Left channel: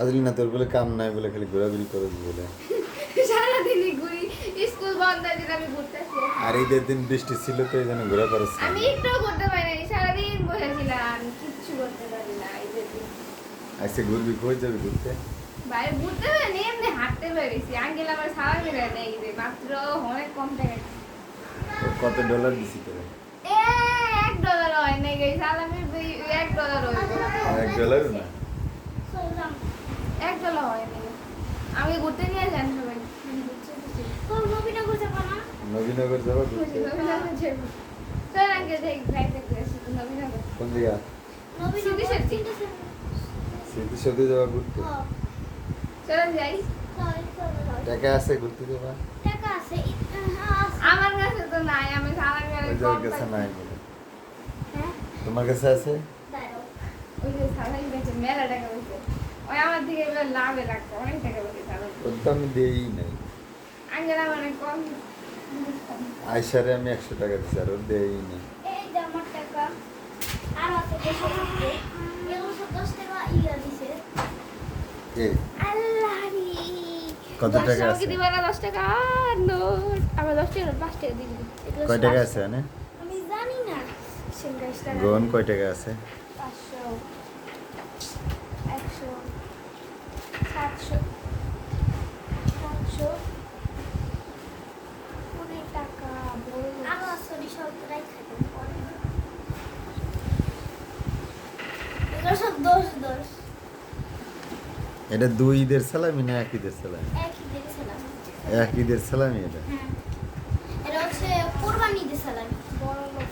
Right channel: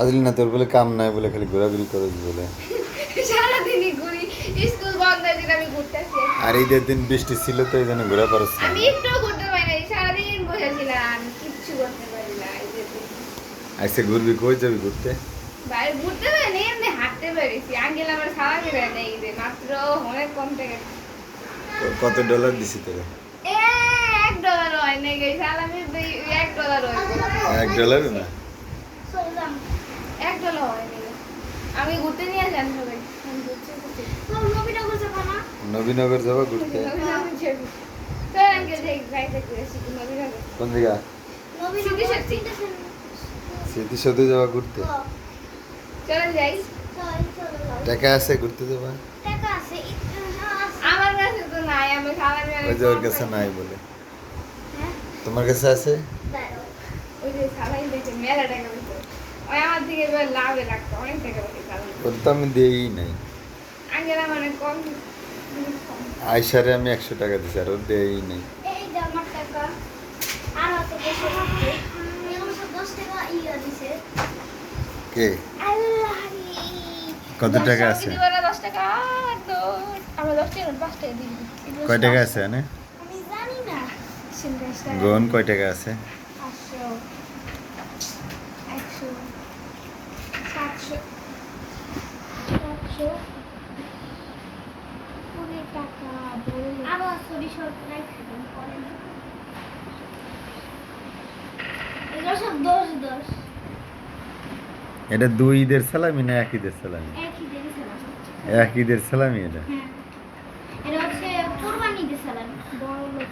আজলি না তোর বলে কাম নাই বলে খালি ঘোরাঘুরি করে বলে। সারাদিনই ঘুরি, স্কুল বন্ধ দিন আমি ঘুরতেছি। আর ঈদের দিন বৃষ্টি ছিল তো এই জন্য ঘোরা পারছ না। আমি একটু ঘুরতে পারি না, সারাদিন বসেছিলাম, কিচ্ছু করতে পারি না ঈদের দিন। আইসে ঘুরবি, কই যাবি ঘুরতে? বাইরে ঘুরতে পারি না, এমনি হাঁটতে পেরেছি। আঙ্কেল আমার সারা করে দেয় ঈদে, মাত্র অনেক কম টাকা। কত ডলার দিছি তোরা? $1 হয় না গেই, সালামি $1 হয়। $1 না? $1 হয় না। আমি ঘুরতে নিয়ে যান সবাই। নবীনগর যাবো না? নবীনগর যাবো ঘুরতে? নবীনগর যাবো। চল আঙ্কেল যাই, বাইরে ঘুরেছি নবীনগর। কোন দিকে? স্মৃতিসৌধে যাওয়া ঘুরতে? চল যাই। টাকা আছে ঘুরতে যাবা? আমার কাছে তো নাই, আমি সালামি ওই যে ওর কাছে নাই বলে। তোমার কাছে আছে? ওই যে সালাই দেখে মেলা টাকা পেয়েছে, ওই আমার দিকে এবার লাভে রাখতো, অনেক টাকা পেয়েছে সালাই। ওর তো আমি দেই নাই। আঙ্কেল আমার অনেক কম। আয়সারে আমি 100 টাকা দিছি আর ওর দেই নাই। এই যে আমার টাকা আর আছে 200 টাকা। এগুলো সব 10 টাকা ইয়া দিছে। কে? আল্লাহ কত টাকা আছে? দিবা না 10 টাকা নোট, আমরা 10 টাকা 5 টাকা দিয়ে দিই। কয় টাকা আছে এনে? আমি জানি না। গোন কয় টাকা আছে? 500 100 700 অনেক টাকা বড় আরো সরি সরকার খাবেন পরে না। এগুলো সব 10 এটা দুই ঈদের সালামি না এক ঈদের সালামি? একই দিয়েছিলাম। এক ঈদের সালামি এটা। হ্যাঁ, এটা হচ্ছে কুরবানি দিয়েছিলাম। বড় লোক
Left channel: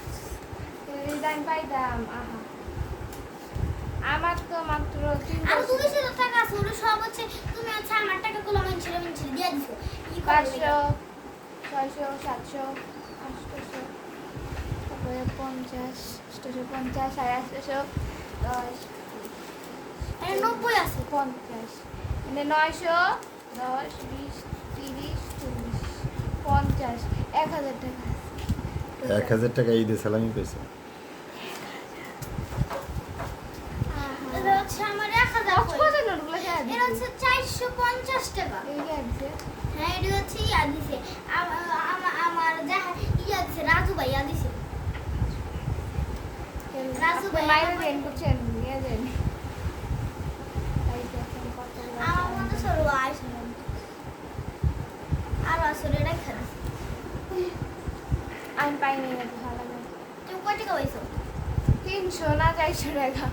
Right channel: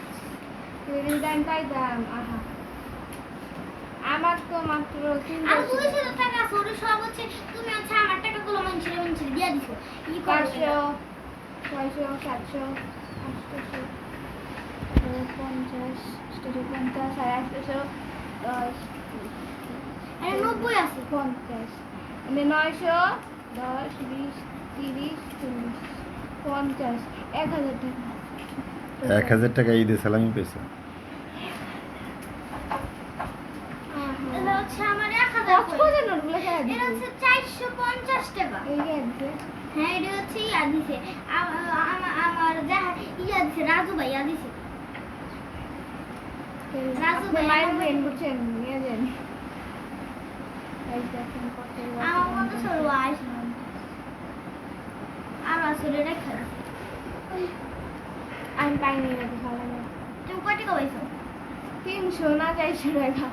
রিজাইন পাইতাম। আহা, আমার তো মাত্র আর 200 টাকা আছে, ওটা সব হচ্ছে তুমি হচ্ছে আমার টাকাগুলো মানছিলে দিয়ে দিছো। ই করবে 500 600 700 800 50 850 800 10 এটা 90 আছে। 50 মানে 900 10 20 30 40 50 1000 টাকা। 1000 টাকা ঈদের সালামি পেয়েছো? এটা হচ্ছে আমার 1000 কক্সবাজার নোটগুলো কেন এটা হচ্ছে 450 টাকা। এই আছে হ্যাঁ, এটা হচ্ছে ইয়া দিছে আমার যা ইয়া দিছে রাজু ভাইয়া দিছে। রাজু ভাই মাইন্ড গেম বুঝছেন নিয়ে যান। এই দেখেন কত আমার মতো সরু আইস আর আসলে রাখা দিছে। আমি পাইনি না ভালো না। তুমি কয় টাকা পাইছো? 300 না 400 টাকা।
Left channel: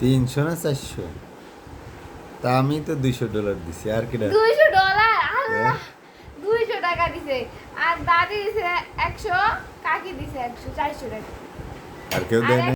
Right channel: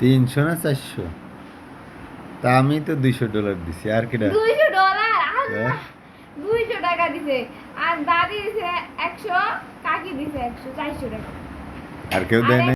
300 না 400? তা আমি তো $200 দিছি আর কিটা? $200 হ্যাঁ? 200 টাকা দিছে আর দাদি দিছে 100, কাকি দিছে 100, 400 টাকা। আর কেউ দেয় না?